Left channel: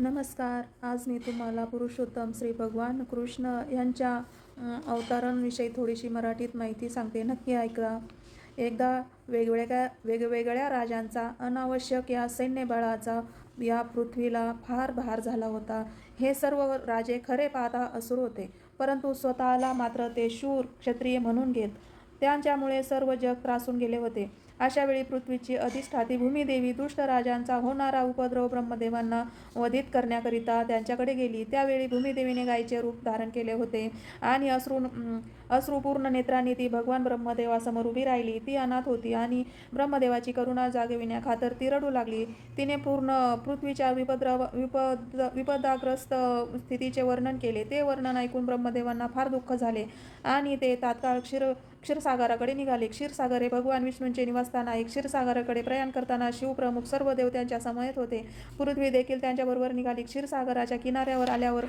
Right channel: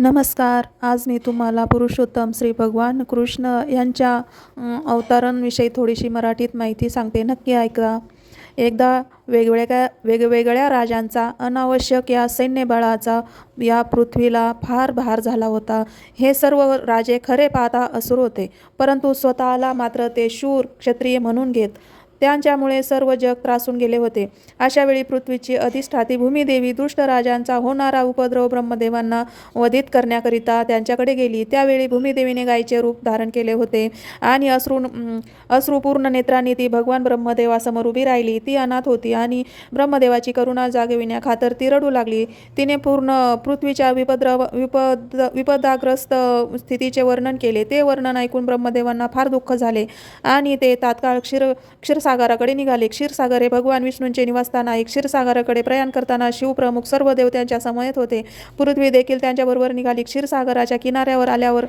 नमस्कार. आज मी तुम्हाला पुरुषोत्तम श्री भगवान कृष्ण यांच्या अवतारांविषयी थोडीशी मराठीत माहिती सांगते. नक्की ऐका. एकदा वेगवेगळ्या राजांचा अनावश्यक या सैन्यबळाचा या पृथ्वीला फार भार झाला होता. हे सर्व राजे खरे पाहता असुर होते, परंतु स्वतःला मात्र ते शूर क्षत्रिय म्हणून घेत. त्यांच्यामुळे सर्व जग त्रासून गेले होते. अशा वेळी पृथ्वीची अधिष्ठाती भूमिदेवी दुष्ट राजांचा होणारा उपद्रव ब्रह्मदेवांना वधित करण्याकरिता त्यांच्याकडे गेली. त्यावेळी भूमिदेवीने गायीचे रूप धारण केले होते आणि अश्रुपूर्ण नेत्रांनी ती भगवान ब्रह्मदेवासमोर उभी राहिली. ती अनाथ होती आणि ब्रह्मदेवाची करुणा जागविण्याखातर ती रडू लागली. तिने पूर्ण पृथ्वीच्या विपदाग्रस्त स्थितीचे वर्णन केले. ते वर्णन ऐकून ब्रह्मदेवांना फार दुःख झाले आणि ते तात्काळ क्षीरसागराकडे निघाले. क्षीरसागर हे भगवान विष्णूंचे निवासस्थान आहे. क्षीरसागराकडे प्रयाण करताना शिवप्रमुख सर्व देव त्यांच्या समवेत होते. पृथ्वी देखील त्यांच्याबरोबर निघाली. क्षीरसागराच्या किनाऱ्यावर आल्यावर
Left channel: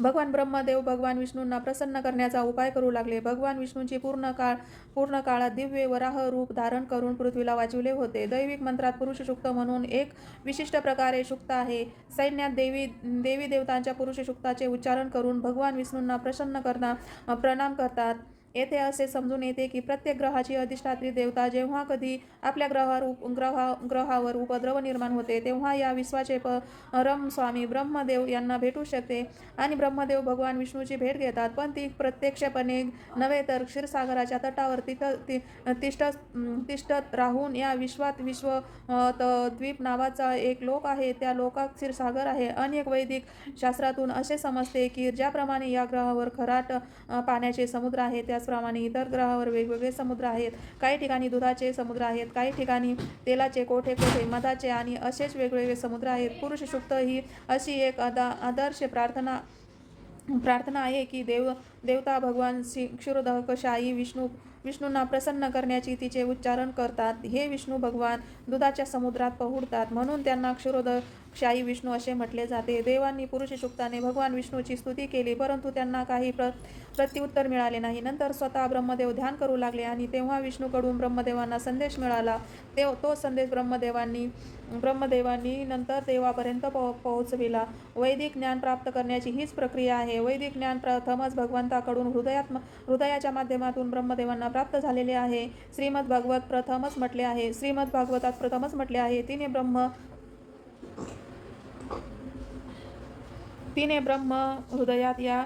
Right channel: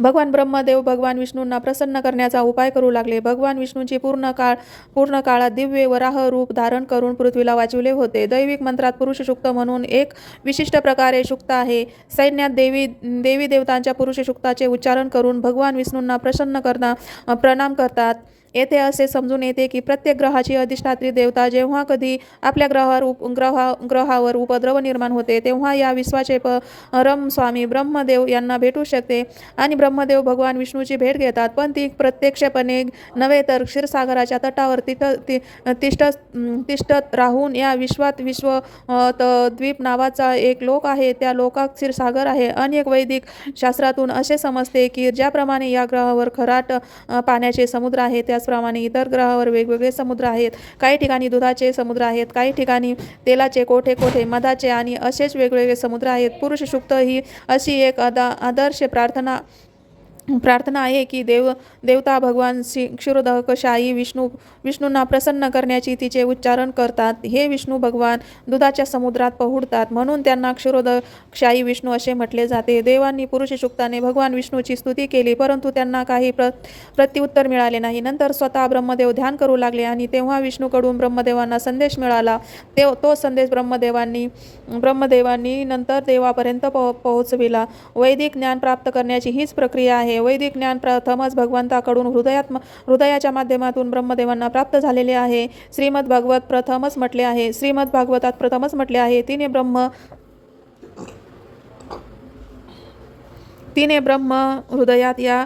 भगवान ब्रह्मदेव भगवान विष्णूंना प्रसन्न करण्याचा उपाय करू लागले. भगवान विष्णूंची पूर्ण काळात दिव्य वराह रूप धारण करून पृथ्वीला वाचविले होते. दैविक मंत्रात पुरुष शुक्त म्हणून एक विशिष्ट प्रकारे शुक्त आहे. सैन्यात देवी देवतांच्या पुरुष शुक्ताचे उच्चारण करून भगवान विष्णूंना प्रणाम करतात. येथे असे समजून येते की प्रत्येक ग्रहाची अधिष्ठात्री देवता जेव्हा कधी आपल्या ग्रहावर उपद्रव निर्माण होते, तेव्हा या विश्वाचे परम स्वामी ब्रह्मदेव यांना भेटू शकते आणि ब्रह्मदेव भगवान विष्णूची भेट घेतात. पण ती प्रत्यक्षपणे नव्हे तर क्षीरसागराच्या तटावर तिष्ठत राहून या द्वीप नावाचा एक लोक आहे. त्या लोकात क्षीरसागर आहे. अनेक वैदिक शास्त्रातून असे समजते की ज्याप्रमाणे या ग्रहावर खराट पाण्याचे समुद्र आहे, त्याचप्रमाणे इतर ग्रहावर वेगवेगळे समुद्र आहेत. काही ठिकाणी दुधाचे समुद्र आहेत, काही ठिकाणी तेलाचे, कोठे मधाचे आणि असेच वेगवेगळे समुद्र आहेत. पुरुष शुक्त ही अशी एक आदर्श प्रार्थना आहे की देवता भगवान क्षीरोदकशाही विष्णूंना प्रसन्न करण्याची तिचे उच्चारण करतात. हे विष्णू भगवान दुधाच्या समुद्रात पहुडतात, म्हणून त्यांना क्षीरोदकशाही विष्णू असे म्हटले जाते. देवांनी पुरुष शुक्ताने भगवान विष्णूची स्तुती केली, परंतु त्यांना काही प्रत्युत्तर मिळाले नाही. नंतर स्वतः ब्रह्मदेव ध्यान करू लागले आणि तेव्हा विष्णूकडून ब्रह्मदेवांना संदेश मिळाला. तो संदेश ब्रह्मदेवांनी नंतर देवापर्यंत पोहोचविला. वैदिक ज्ञान प्राप्त करण्याची हीच प्रक्रिया आहे. वैदिक ज्ञान प्रथमच भगवंताकडून हृदयाच्या माध्यमातून ब्रह्मदेवांना प्राप्त झालेले आहे. श्रीमद भागवतात प्रथमच म्हटले आहे, तिने ब्रह्म हृदयात या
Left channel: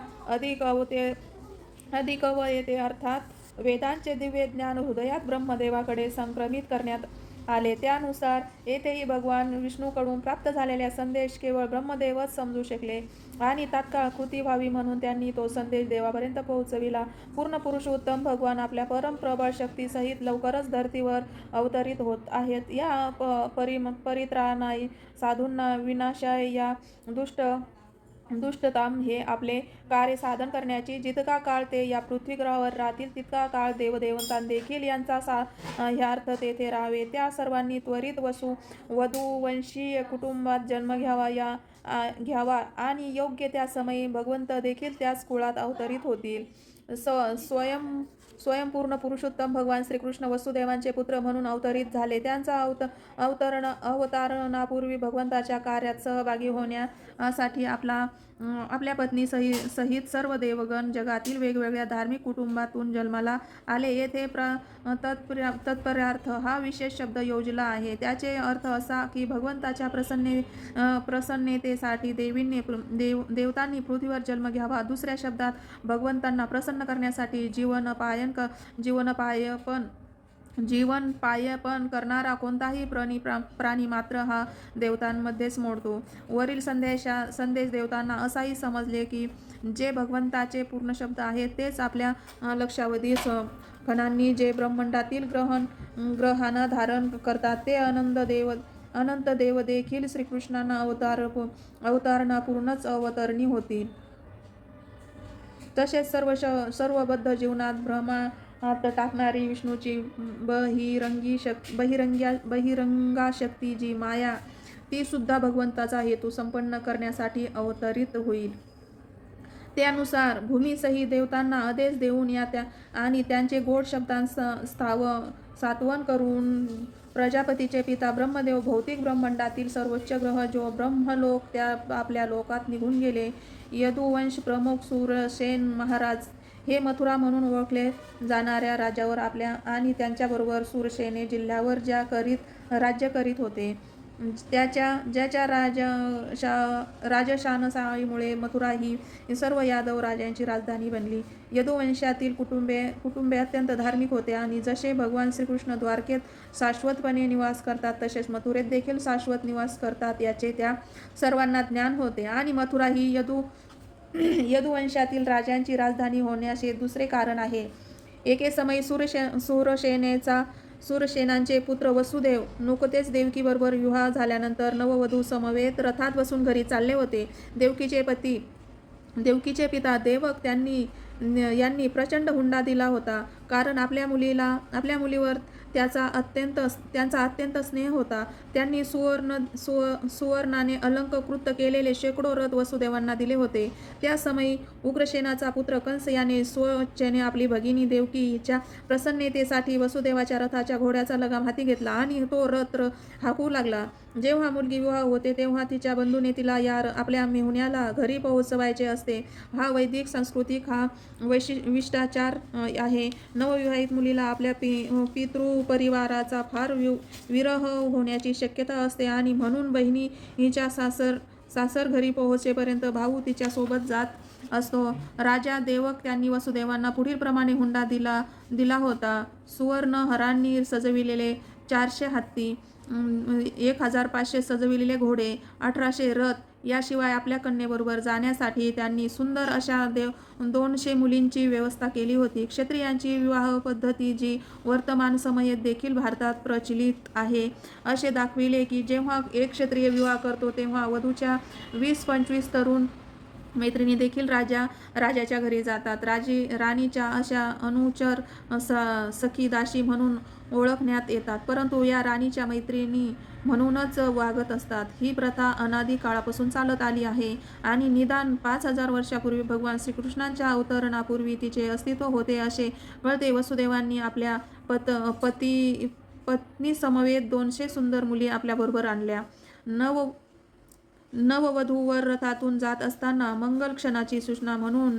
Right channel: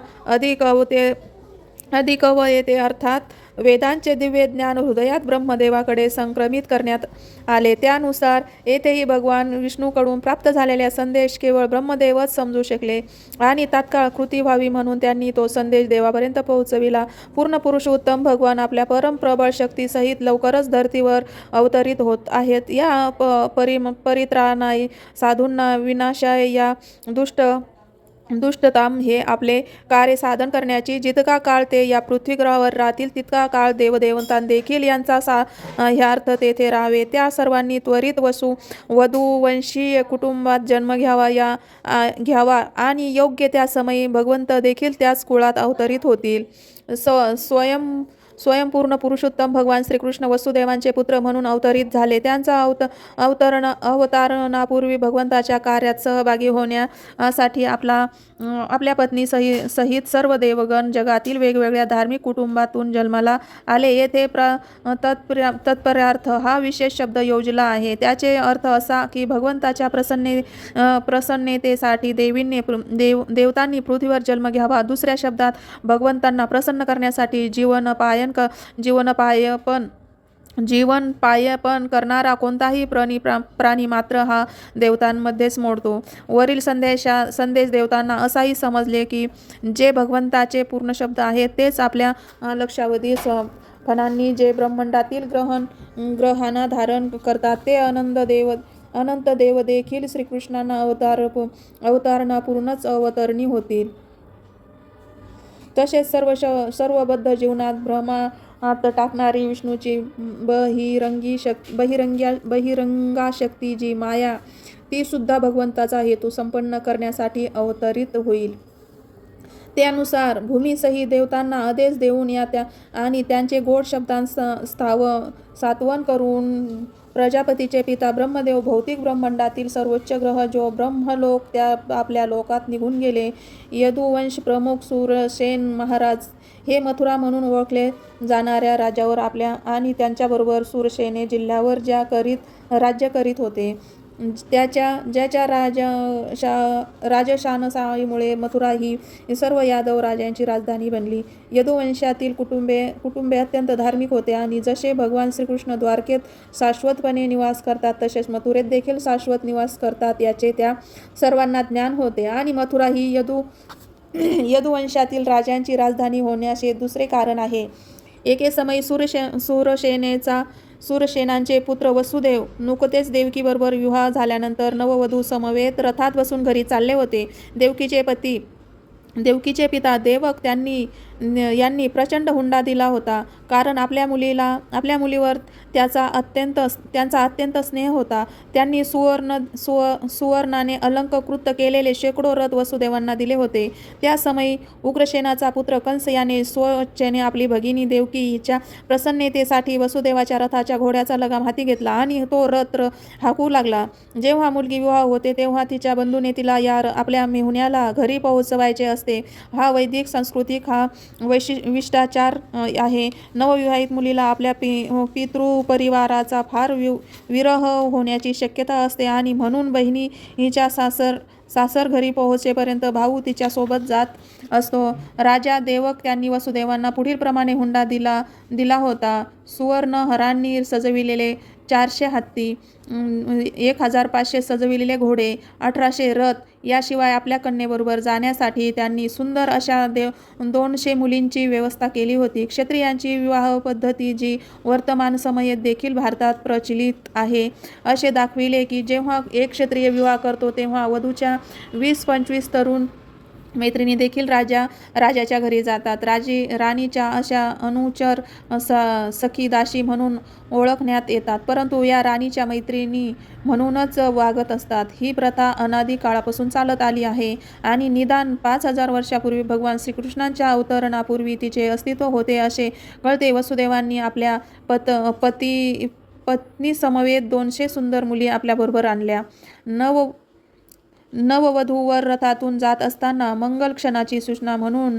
अधिकवयते अर्थात वेदांचे दिव्य ज्ञान हृदयात ब्रह्मदेवाकडे संक्रमित करण्यात आले. त्यानुसार येथेही भगवान विष्णूकडून प्राप्त झालेला संदेश केवळ ब्रह्मदेवच समजू शकले आणि तात्काळ कृती व्हावी म्हणून त्यांनी तो संदेश देवापर्यंत पोहोचविला. पूर्ण पुरुषोत्तम भगवान आपल्या परम प्रबळ शक्तीसहित लवकरच धर्तीवर अवतरित होत आहेत. या परित्राणाय साधूंना विनाशाय या दुष्टताम हे आपले कार्य साधन करण्याची जितका काळ ते या पृथ्वीग्रहावर राहतील, तितका काळ देवदेवतां देखील यांचा ह्यार्थ तेथे राहावे. त्या सर्वांनी त्वरित वधूवंशीय कुटुंबात जन्म घ्यावा आणि योग्य त्या समयी भगवंत देखील त्याच कुळात अवतरित होतील. स्वयंपूर्ण पुरुषोत्तम भगवान श्रीकृष्ण वसुदेवांचे पुत्र म्हणून अवतरित झाले. त्यांचा अवतारणापूर्वी भगवंताच्या कार्यात सहभागी होण्यासाठी आपल्या पत्नी सहित सर्व देवगण जगातील वेगवेगळ्या धार्मिक कुटुंबातून जन्माला आले. येथे तत्पर्यार्थ हा विशेष शब्द योजला आहे. त्याचे अर्थ असा की भगवंताच्या प्रसन्नतेसाठी देवतांनी पृथ्वीवर जन्म घ्यावा. दुसऱ्या शब्दात भगवंतांना प्रसन्न करण्यासाठी जीवनपायपण करणारा कोणताही प्राणी मात्र हा देवतांमध्येच मोडतो. वरील संदेश देवतांना असाही समजले की जे भगवंताचे पूर्ण शब्द आहेत तेच आपल्या लक्षावधी फणांनी जे ब्रह्मांडातील ग्रहांना धारण करतात ते अनंत देव देखील श्रीकृष्णांना अवतारणापूर्णच अवतरणी होतील. तसेच सर्व बद्ध जीवनात भ्रमात टाकणारी विष्णूची बहिरंगाशक्ती जी माया, ती सुद्धा भगवंताचा हेतू संपन्न करण्यासाठी अवतरित होईल. त्यानुसार भूमीसहित देवतांना आदेश देऊन आणि त्यांचे गोड शब्दांत सात्वन करून प्रजापतीचे पिता ब्रह्मदेव भौतिक ब्रह्मांडातील सर्वोच्च ग्रह जो ब्रह्मलोक त्या आपल्या लोकात निघून गेले. यदुवंश प्रमुख सूरसेन महाराज हे मथुरा म्हणून ओळखले जाणाऱ्या राज्यावर आपल्या आणि त्यांच्याबरोबर सूरसेने जिल्ह्यावर राज्य करीत होते. ज्याच्या राजशानशाहीमुळे मथुरा ही सर्व यादव राजांची राजधानी बनली. यदुवंशातील कुटुंबे अत्यंत धार्मिक होते आणि जसे भगवान श्रीकृष्ण द्वारकेत शाश्वतपणे निवास करतात तसेच मथुरेत देखील शाश्वत निवास करतात याचे त्या सर्वांना ज्ञान होते. आणि मथुरा ही यदुवंशातील राजांची राजधानी होण्याचे दुसरे कारण आहे. एके समयी सूरसेनांचे पुत्र वसुदेव नुकतेच देवकीबरोबर विवाह झाल्यानंतर नववधू समवेत रथात बसून घरी चालले होते. देवकीचे पिता देवक यांनी प्रचंड हुंडा दिला होता, कारण आपल्या मुलीवर त्यांचा अत्यंत स्नेह होता. त्यांनी सुवर्णाने अलंकृत केलेले शेकडो रथ वसुदेवांना दिले होते. त्या समयी उग्रसेनाचा पुत्र कंस याने स्वइच्छेने आपली भगिनी देवकी हिच्या प्रसन्नतेसाठी वसुदेवाच्या रथाच्या घोड्याचा लगाम हाती घेतला आणि तो रथ हाकू लागला. जेव्हा मुलगी विवाह होते तेव्हा तिच्या बंधूने तिला आपल्या मेहुण्याला घरी पोहोचवायचे असते. हा वैदिक सांस्कृतिक हा विशिष्टाचार आहे. नवविवाहित मुलीला आपल्या पितृपरिवाराचा फार विरह होण्याची शक्यता असते आणि म्हणून बहिणी हिच्या सासर घरी पोहोचेपर्यंत भाऊ तिच्या सोबत जात असतो. राजा देवक त्यांनी वसुदेवांना पुढील प्रमाणे हुंडा दिला होता. सुवर्ण हरांनी सजविलेले 400 हत्ती, 1500 सजविलेले घोडे, 1800 रथ, याशिवाय आपल्या कन्येबरोबर जाण्यासाठी त्यांनी सुंदर अशा 200 मुलींची व्यवस्था केली होती. क्षत्रियांची विवाह पद्धती जी वर्तमान समयेत देखील भारतात प्रचलित आहे असे दाखविले की जेव्हा एक क्षत्रिय विवाह करतो तेव्हा वधूच्या 20-25 तरुण मैत्रिणी देखील राजाच्या घरी जातात. राणीच्या अशा अनुचर सखी दासी म्हणून ओळखण्यात येतात, परंतु या राणीच्या मैत्रिणी म्हणूनच वागत असतात. ही प्रथा अनादी काळापासून चालत आली आहे आणि निदान 5000 वर्षापूर्वी भगवान श्रीकृष्णांच्या अवतरणापूर्वी तिचे अस्तित्व होते असे कळते. वसुदेवांनी आपल्या पत्नी समवेत 200 सुंदर मुली आपल्याबरोबर आणल्या. नववधूवर रथातून जात असताना मंगल क्षणाची सूचना म्हणून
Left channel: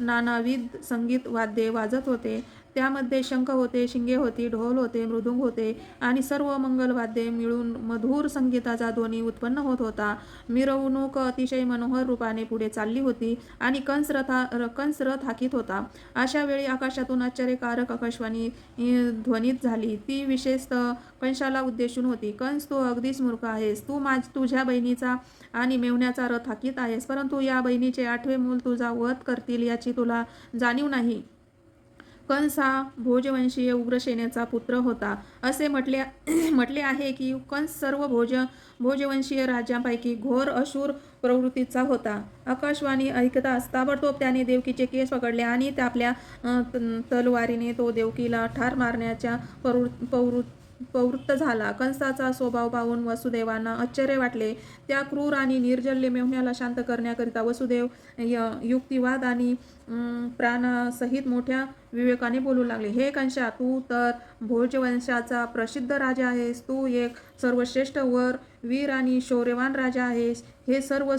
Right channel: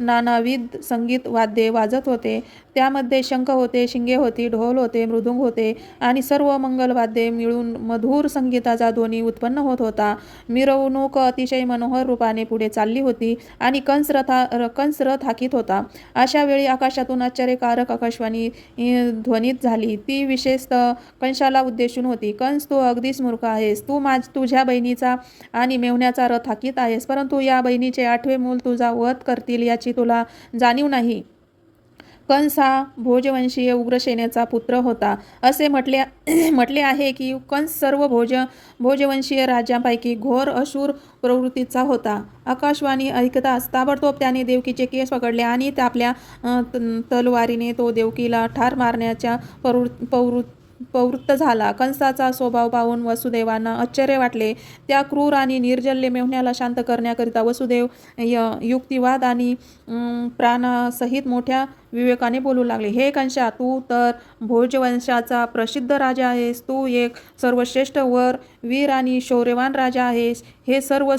नानाविध संगीत वाद्ये वाजत होते. त्यामध्ये शंख होते, शिंगे होती, ढोल होते, मृदुंग होते आणि सर्व मंगलवाद्ये मिळून मधुर संगीताचा ध्वनी उत्पन्न होत होता. मिरवणूक अतिशय मनोहर रूपाने पुढे चालली होती आणि कंस रथ हाकीत होता. अशा वेळी आकाशातून आश्चर्यकारक आकाशवाणी ध्वनित झाली. ती विशेषतः कंसाला उद्देशून होती. कंस, तू अगदीच मूर्ख आहेस. तू तुझ्या बहिणीचा आणि मेहुण्याचा रथ हाकीत आहेस, परंतु या बहिणीचे 8वे मूल तुझा वध करतील याची तुला जाणीव नाही. कंस हा भोजवंशीय उग्रसेनेचा पुत्र होता. असे म्हटले आहे की कंस सर्व भोजवंशीय राजांपैकी घोर अशूर प्रवृत्तीचा होता. आकाशवाणी ऐकताच ताबडतोब त्याने देवकीचे केस पकडले आणि आपल्या तलवारीने तो देवकीला ठार मारण्याच्या प्रवृत्त झाला. कंसाचा स्वभाव पाहून वसुदेवांना आश्चर्य वाटले. त्या क्रूर आणि निर्जल्य मेहुण्याला शांत करण्याकरिता वसुदेव युक्तिवाद आणि प्राणासहित मोठ्या विवेकाने बोलू लागले. हे कंसा, तू तर भोजवंशाचा प्रसिद्ध राजा आहेस. तू एक सर्वश्रेष्ठ वीर आणि शौर्यवान राजा आहेस. हे सर्व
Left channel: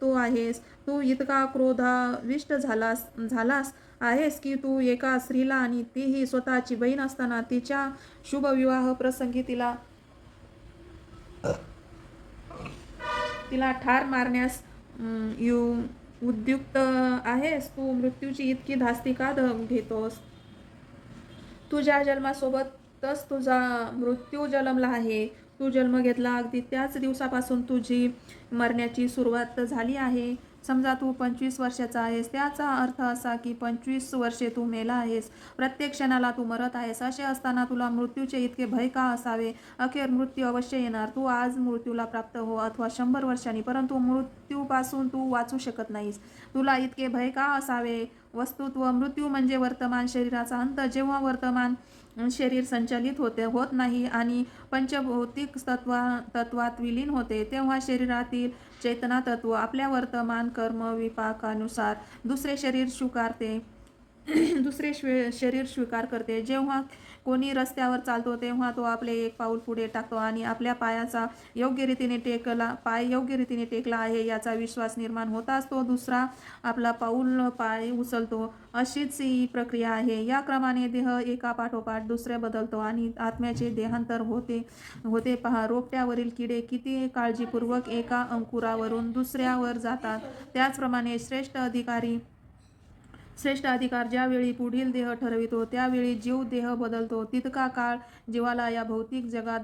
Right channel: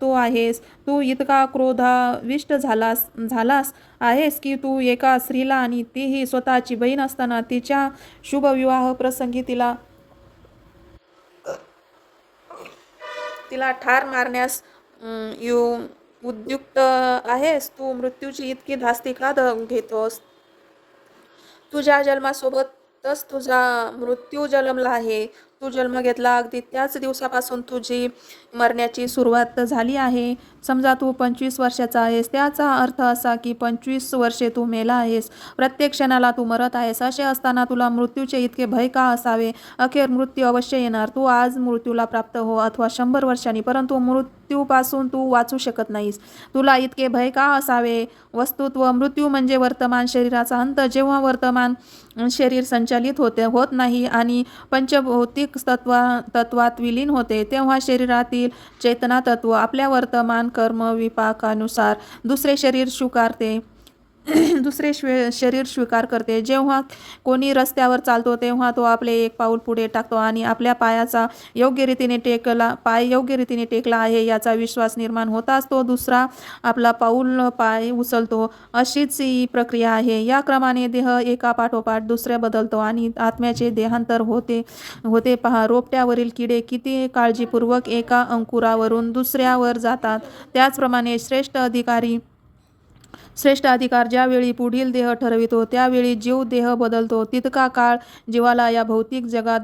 तू आहेस. तू इतका क्रोधाविष्ट झालास आहेस की तू एका स्त्रीला आणि तीही स्वतःची बहीण असताना तिच्या शुभविवाह प्रसंगी तिला ठार मारण्यास उद्युक्त आहेस. तू मृत्यूची इतकी धास्ती का घेतोस? तुझ्या जन्मासोबतच तुझा मृत्यू जन्मला आहे. तू जन्म घेतला अगदी त्याच दिवसापासून तुझी मरण्याची सुरुवात झाली आहे. समजा तू 25 वर्षाचा आहेस, त्याचा अर्थ असा की 25 वर्षे तू मेला आहेस. प्रत्येक क्षणाला तू मरत आहेस. असे असताना तुला मृत्यूचे इतके भय का असावे? अखेर मृत्यू अवश्य येणार. तू आज मृत्यूला प्राप्त हो अथवा 100 वर्षांनी, परंतु मृत्यूपासून तू वाचू शकत नाहीस. तुला इतके भय का असावे? वस्तुत्व मृत्यू म्हणजे वर्तमान शरीराचा अंत. जेव्हा वर्तमान शरीर संचालित होत नाही आणि पंचभौतिक तत्वात विलीन होते, तेव्हा शरीरातील चेतना तत्व आपल्या वर्तमान कर्म विपाकानुसार दुसरे शरीर स्वीकारते. दुसरे शरीर स्वीकार करते. जेव्हा कोणी रस्त्यावर चालतो तेव्हा तो आपले एक पाऊल पुढे टाकतो आणि आपल्या पाय योग्य रीतीने टेकला आहे याचा विश्वास निर्माण होताच तो दुसरा आपला पाय उचलतो. अशीच ही प्रक्रिया आहे. या क्रमाने देह एका पाठोपाठ दुसऱ्या बदलतो आणि आत्म्याचे देहांतर होते पहा. रोपट्यावरील किडे किती काळजीपूर्वक एका अंकुरावरून दुसऱ्यावर जातात. त्याचप्रमाणे श्रेष्ठ अधिकार ज्यावेळी पुढील देह ठरवितो त्यावेळी जीव देह बदलतो. तितका काळ जीवाला या भौतिक जगात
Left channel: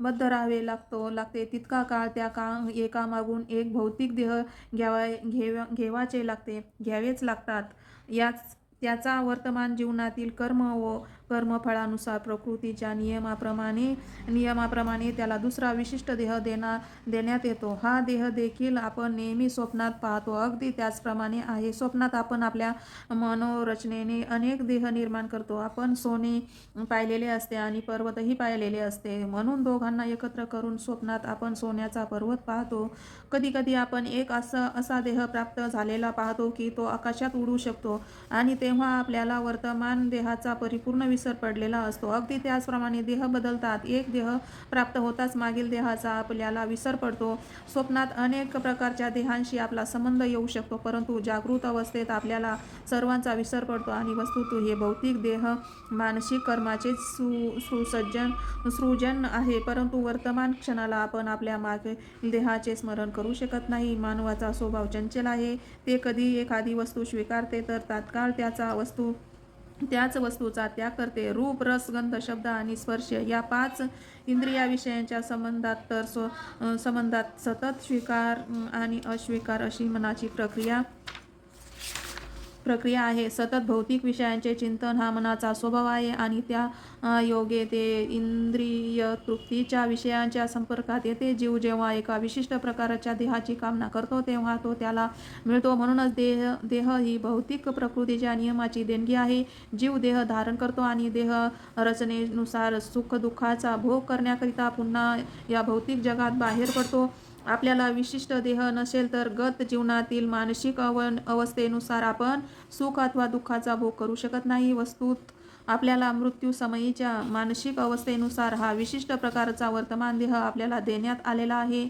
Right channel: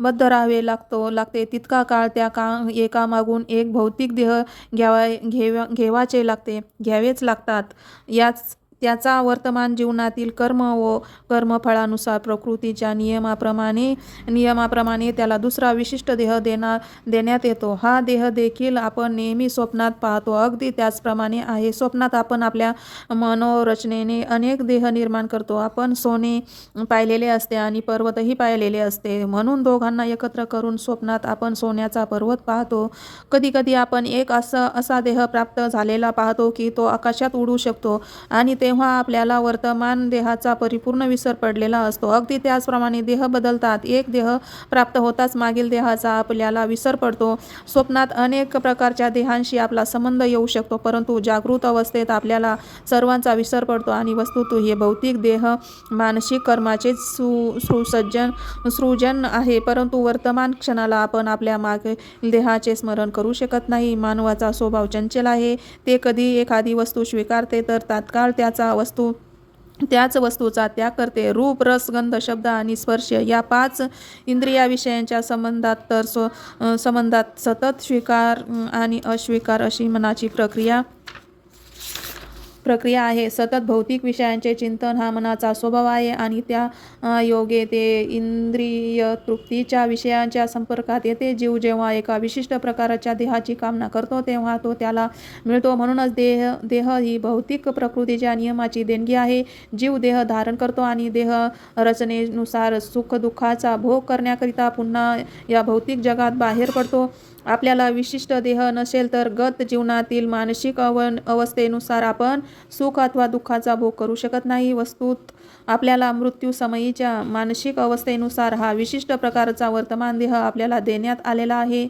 बद्ध राहावे लागते. तितका काळ एकामागून एक भौतिक देह घ्यावेच लागतात. त्याचा वर्तमान जीवनातील कर्म व कर्मफळानुसार प्रकृतीच्या नियमाप्रमाणे त्याला दुसरा विशिष्ट देह देण्यात येतो. हा देह देखील आपण नेहमी स्वप्नात पाहतो. अगदी त्याचप्रमाणे आहे. स्वप्नात आपण आपल्या मनोरचनेने अनेक देह निर्माण करतो. आपण सोने पाहिलेले असते आणि पर्वतही पाहिलेले असते. म्हणून दोघांना एकत्र करून स्वप्नात आपण सोन्याचा पर्वत पाहतो. कधीकधी आपण एक असा देह प्राप्त झालेला पाहतो की तो आकाशात उडू शकतो आणि तेव्हा आपल्याला वर्तमान देहाचा परिपूर्ण विसर पडलेला असतो. अगदी त्याचप्रमाणे देह बदलतात. एक देह प्राप्त होताच मागील देहाचा आपल्याला विसर पडतो. स्वप्नात अनेक प्रकारच्या देहांशी आपला संबंध येऊ शकतो, परंतु जागृत अवस्थेत आपल्याला सर्वांचा विसर पडतो आणि वस्तुतः हे भौतिक देह मानसिक कर्माचे सृजन आहे. परंतु वर्तमान क्षणाला आपण आपल्या मागील देहाचे स्मरण करू शकत नाही. मानवाचा स्वभाव चंचल आहे. ते कधी एखादी वस्तू स्वीकारते तर तात्काळ त्याच वस्तूचा त्याग करते. रूप, रस, गंध, शब्द आणि स्पर्श या 5 इंद्रियाविषयांच्या संबंधात सतत स्वीकार आणि अस्वीकार अशी मनाची प्रक्रिया आहे. सतत भौतिक विषयांचे चिंतन हा मनाचा स्वभाव आहे आणि त्या योगे ते इंद्रिय तृप्तीच्या विषयांच्या संपर्कात येते. जीव जेव्हा एका विशिष्ट प्रकारच्या देहाची कामना करतो तेव्हा तो त्याला मिळतो. म्हणूनच देह ही भौतिक प्रकृतीच्या नियमाची देणगी आहे. जीव देह धारण करतो आणि देह रचनेनुसार सुखदुःखाचा भोग करण्याकरिता पुन्हा या भौतिक जगात बाहेर पडतो. आपल्याला विशिष्ट देह नसेल तर गत जीवनातील मानसिक अवस्थेनुसार आपण सुख अथवा दुःखाचा भोग करू शकत नाही. वस्तुत आपल्याला मृत्यूसमयीच्या मानसिक अवस्थेनुसार हा विशिष्ट प्रकारचा वर्तमान देह आपल्याला देण्यात आलेला आहे.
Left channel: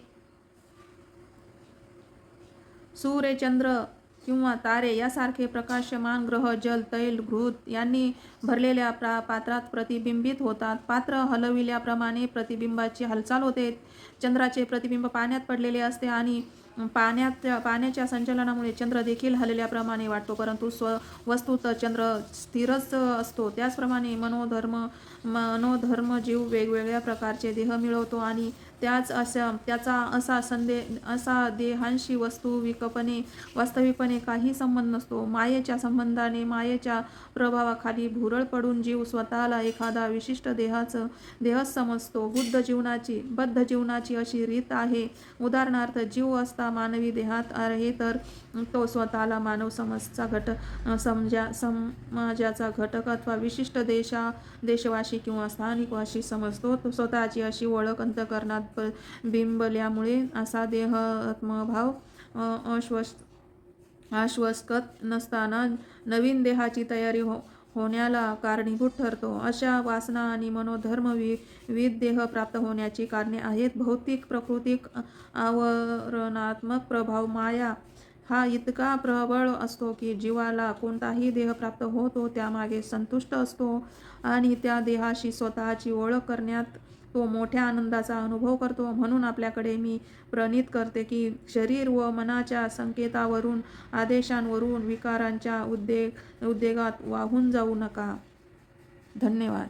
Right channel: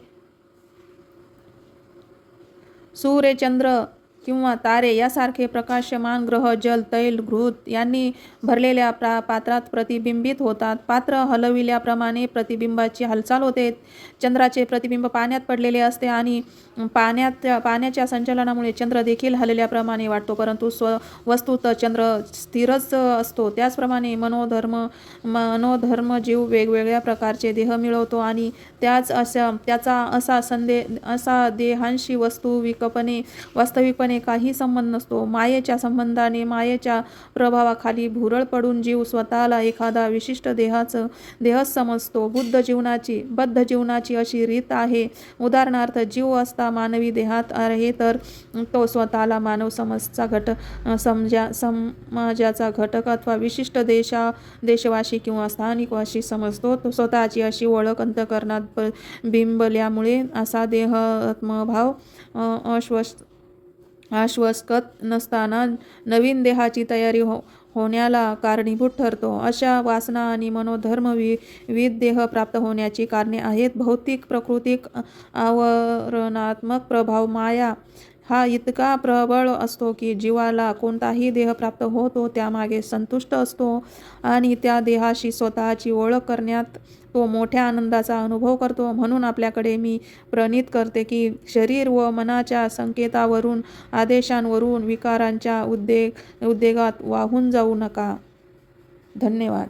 सूर्य, चंद्र किंवा तारे यासारखे प्रकाशमान ग्रह जल, तैल, घृत यांनी भरलेल्या पात्रात प्रतिबिंबित होतात. पात्र हलविल्याप्रमाणे प्रतिबिंबाची हालचाल होते. चंद्राचे प्रतिबिंब पाण्यात पडलेले असते आणि पाण्याच्या संचलनामुळे चंद्र देखील हलल्याप्रमाणे वाटतो, परंतु वस्तुतः चंद्र स्थिरच असतो. त्याचप्रमाणे मनोधर्म जीव वेगवेगळ्या प्रकारचे देह मिळवतो आणि त्याचा असा देहांशी वास्तविकपणे काही संबंध नसतो. मायेच्या संबंधाने मायेच्या प्रभावाखाली भुरळ पडून जीव स्वतःला एखादा विशिष्ट देह समजतो. बद्ध जीवनाची अशी रीत आहे. उदाहरणार्थ, जीव असता मानवी देहात आहे तर तो स्वतःला मानव समाजाचा घटक अथवा विशिष्ट देशवासी किंवा स्थानिकवासी समजतो. तो स्वतःची अशी ओळख अंतःकरणात बिंबल्यामुळे असा देहात्मभाव आश्वस्त नसताना नवीन देहाची तयारी होण्याला कारणीभूत ठरतो. अशा वासना आणि मनोधर्म विविध देह प्राप्त होण्याची कारणे आहेत. भौतिक प्राकृतिक आवरणात्मक प्रभाव माया हा इतका प्रबळ असतो की जीवाला कोणताही देह प्राप्त होतो त्यामागे संतुष्ट असतो आणि त्या देहाशी स्वतःची ओळख करण्यात तो मोठ्या आनंदाचा अनुभव करतो. म्हणून आपल्याकडे मी प्रणित करते की शरीर व मनाच्या संकेतावरून, आदेशांवरून विकारांच्या उद्वेगात वाहून जाऊ नका. धन्यवाद.